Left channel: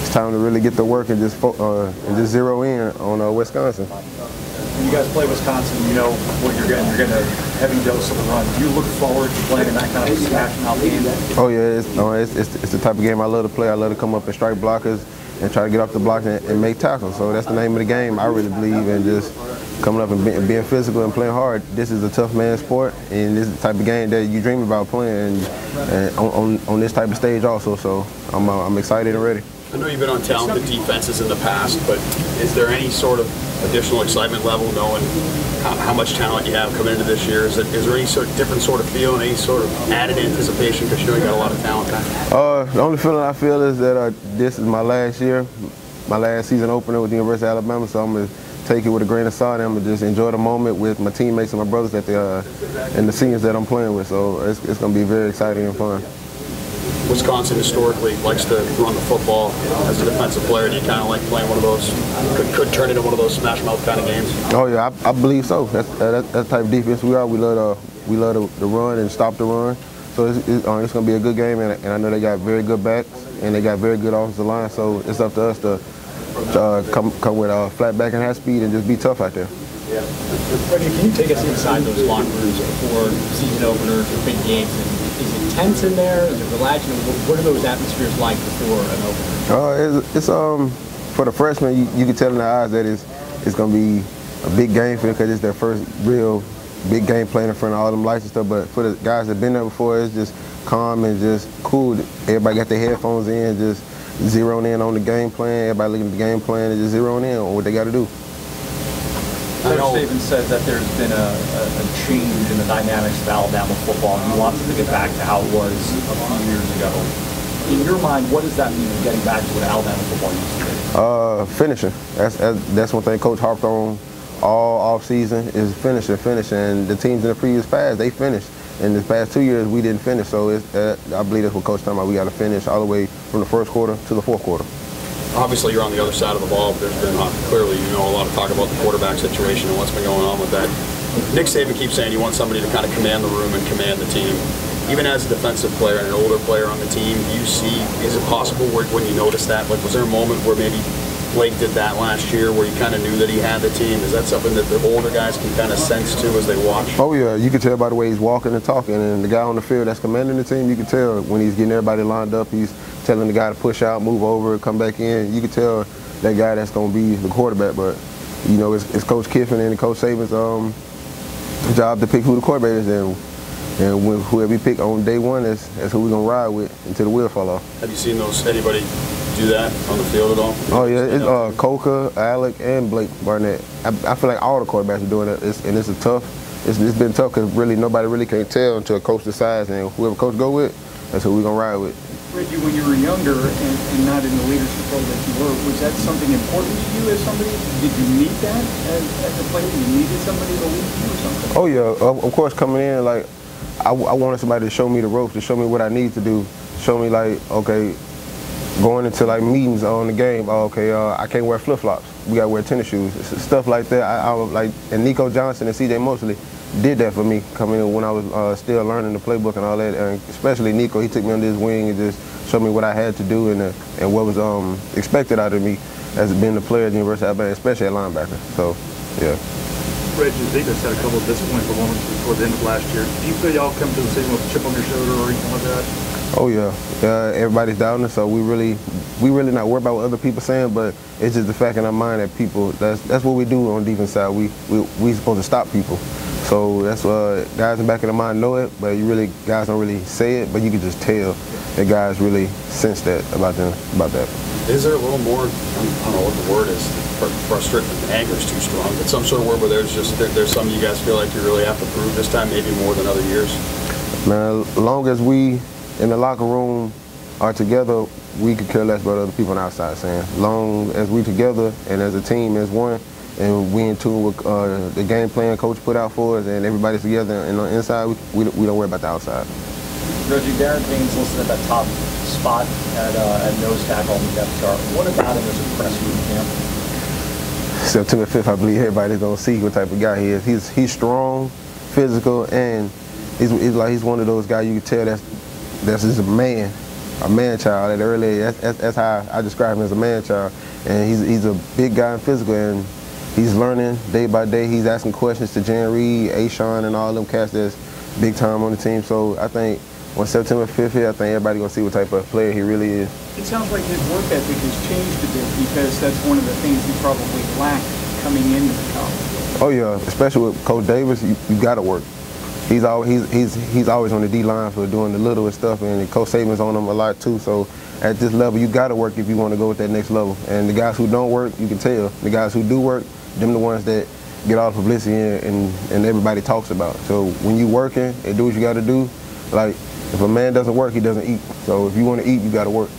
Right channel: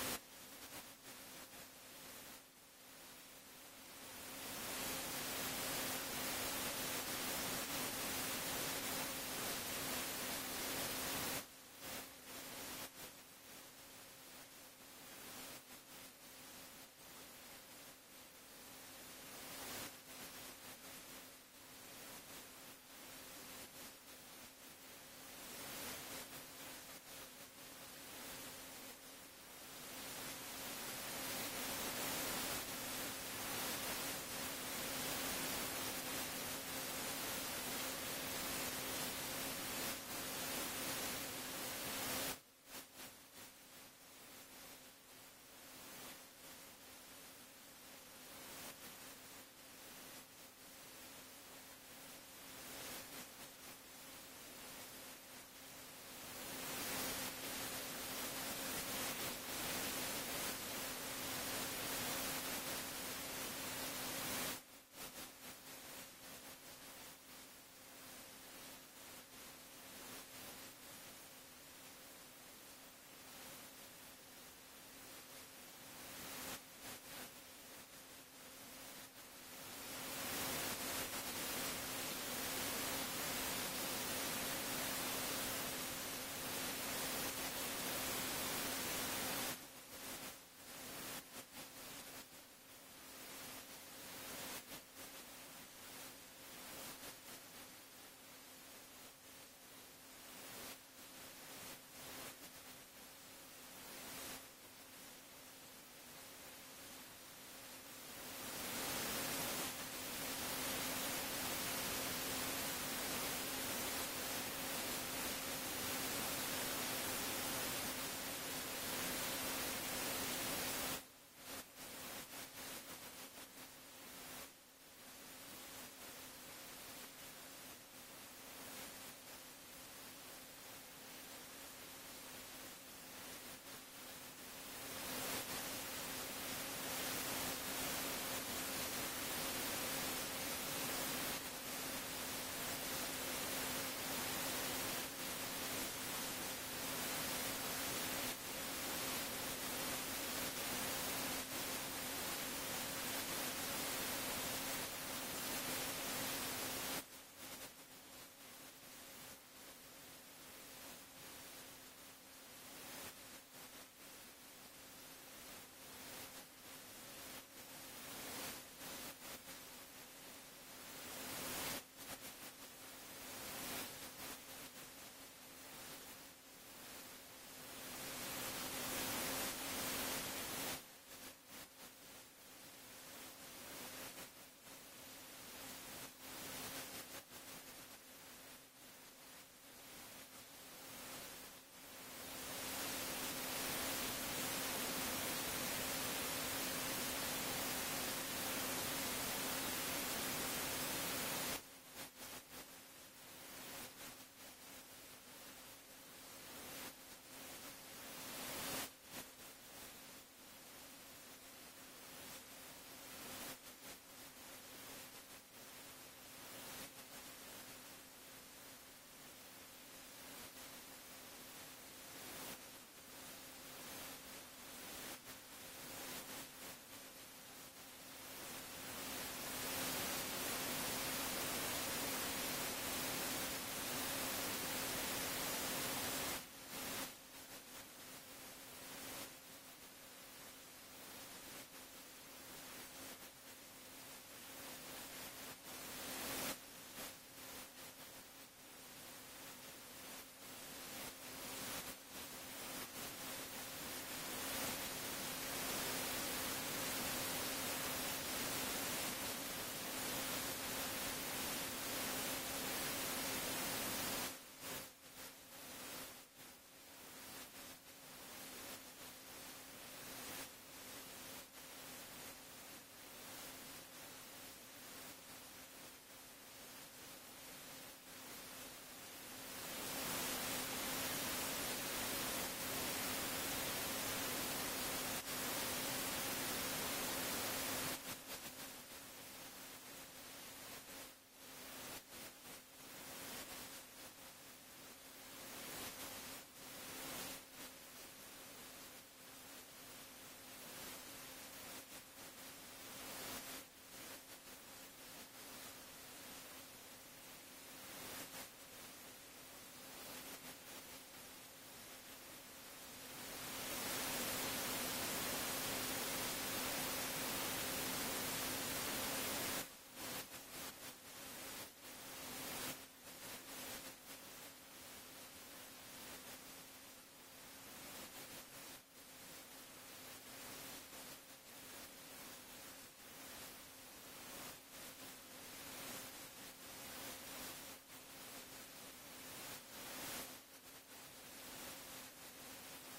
It's time to really get to work and just zero in on Wisconsin. When you guys play Wisconsin, you know what you're getting. You're getting a heavy dose of the run. Do you look forward to playing in that kind of a smashing out game? Oh yeah, it's the type of game I love to play. I love to come up and strike blockers and try to get off the block and make tackles. So that's the name of the game. I really believe in just coming up and being physical and playing hard. This is a tough man sport, and this is the type of game that you dream about playing and on this type of stage also. So I'm excited and ready. I know you've been on talented defenses in the past, but is there any sort of additional excitement level knowing how much talent you have coming into this year? Is there any sort of different sort of feel and any sort of added anticipation because you know you got a lot of talent now? The only feeling I feel is that this is my last year, my last season opener with the University of Alabama, so I'm going to take it with a grain of salt and I'm going to just enjoy the moment with my teammates and my brothers and the seniors that I'm playing with. So it's going to be very exciting and fun. Wisconsin historically likes to run the football. As a defensive player, do you kind of like playing one of those, could turn into one of those smash mouth kind of games? Oh yeah, I believe so. That's the type of defense we are. We love to run and stop the run. So it's going to be a good game, and I know they got very good backs and they got very good offensive line. So it's up to us to come with a flat back and half speed and just be tough out there. Yeah. Reggie, can you take us inside those locker rooms before season openers or big games? Is it tense in there? Is it relaxed? What are those atmospheres like before an opener? It's for the freshmen, you can tell in their eyes that it's going to be a big game for them because it's their first real big game playing in front of all them lights and stuff. But for the guys that have been there before, it's just calm and just cool. Everybody got their headphones in, just zeroing in on the game plan. Everybody looking at the game plan and just zeroing in on what they got to do. Coach Saban said that there's been a change in the dynamics of Alabama football, and he wants to get back to how it was a few years ago. In your mind, what does that mean, getting back to what Alabama football used to be? Finishing. That's one thing Coach harped on all off season is finishing. And the teams in the previous past, they finished. In the past 2 years, we didn't finish. So I believe that's what Coach talking about. We got to finish all the way from the first quarter to the fourth quarter. Obviously, you're on the other side of the ball, but there's been clearly, a lot of talk about the quarterback situation and what's been going on with that. Nick Saban keeps saying you want somebody to kind of command the room and command the team. Even as a defensive player and an older player on the team, do you see, is it possible when you notice that? Like, was there a moment where maybe Blake did that last year where you kind of knew that he had the team? Is that something that the older guys can kind of sense too as they watch? Oh yeah, you can tell by the way he's walking and talking, and the guy on the field that's commanding the team, you can tell when he's getting everybody lined up, he's telling the guy to push out, move over, come back in. You can tell that guy that's going to be the quarterback, but it's Coach Kiffin and Coach Saban's job to pick who the quarterback is, and whoever we pick on day one, that's who we're going to ride with until the wheel fall off. Have you seen anybody do that on the field at all? Oh yeah, it's Coca, Alec, and Blake Barnett. I feel like all the quarterbacks are doing it, it's been tough because really nobody really can't tell until a coach decides, and whoever coach go with, that's who we're going to ride with. Reggie, when you were younger and not in the leadership role that you were, was that something important to you as somebody? Did you need that as a player? You needed somebody to lead you or something? Oh yeah, of course coming in, like, I wanted somebody to show me the ropes, to show me what I need to do, show me like, okay, going into like meetings on the game, I can't wear flip-flops, we gotta wear tennis shoes, stuff like that. And Nico Johnson and CJ Mosley did that for me coming in when I was still learning the playbook and all that, and especially Nico, he took me under his wing and just showed me what I had to do and what was expected out of me as being the player at the University of Alabama, especially at linebacker. So, yeah. Reggie, Zigos had a couple of disappointing performances toward the end of last year. Do you feel y'all come to the season with a chip on your shoulder or anything like that? Oh yeah, everybody's doubting us, so we really not worried about what other people saying, but it's just the fact in our mind that people, that's what we do on the defense side. We supposed to stop people. So that's guys in the back of their mind know it, but guys don't really say it, but you can just tell that guys really sense that about that. Is there a little more, I don't know what the word is, frustrated, anger is too strong, but some sort of word where there's some you guys feel like you really have to prove this time, maybe more than other years? Man, as long as we in the locker room are together, we could care less about other people on the outside saying. Long as we together and as a team as one, and we in tune with the game plan coach put out for us, and everybody's together and on the inside, we don't worry about the outside. Reggie, Darren Payne's listed at that top spot at nose tackle on the depth chart. What about him has impressed you in camp? September 5th, I believe everybody's gonna see what type of guy he is. He's strong, physical, and he's one of those guys you can tell that's just a man. a man child at an early age. That's how I describe him, as a man child. And he's a big guy and physical, and he's learning day by day. He's asking questions to Jan Reed, A-Sean, and all them cats that's big time on the team. So I think when September 5th here, I think everybody gonna see what type of player he really is. It sounds like his work ethic has changed a bit, because that's one of the things he probably lacked coming into the college. Oh yeah, especially with Coach Davis, you gotta work. He's always on the D-line for doing the littlest stuff, and Coach Saban's on him a lot too. So at this level, you gotta work if you want to go with that next level. And the guys who don't work, you can tell. The guys who do work, them the ones that get all the publicity and everybody talks about. So when you working and do what you got to do, like if a man doesn't work, he doesn't eat. So if you want to eat, you got to work.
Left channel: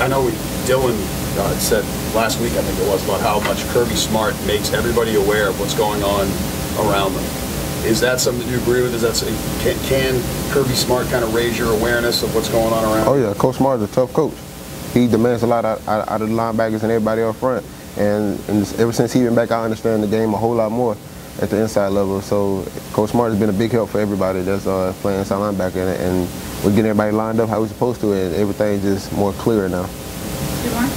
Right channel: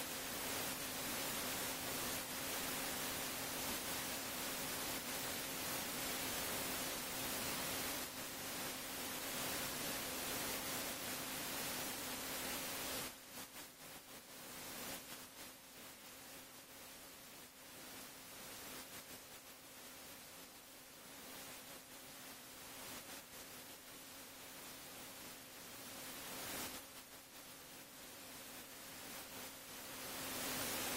I know Dylan said last week, I think it was, about how much Kirby Smart makes everybody aware of what's going on around them. Is that something you agree with? Is that can Kirby Smart kind of raise your awareness of what's going on around? Oh yeah, Coach Smart is a tough coach. He demands a lot out of the linebackers and everybody up front. And ever since he been back, I understand the game a whole lot more at the inside level. So Coach Smart has been a big help for everybody that's playing inside linebacker, and we're getting everybody lined up how we're supposed to, and everything just more clear now. Good morning.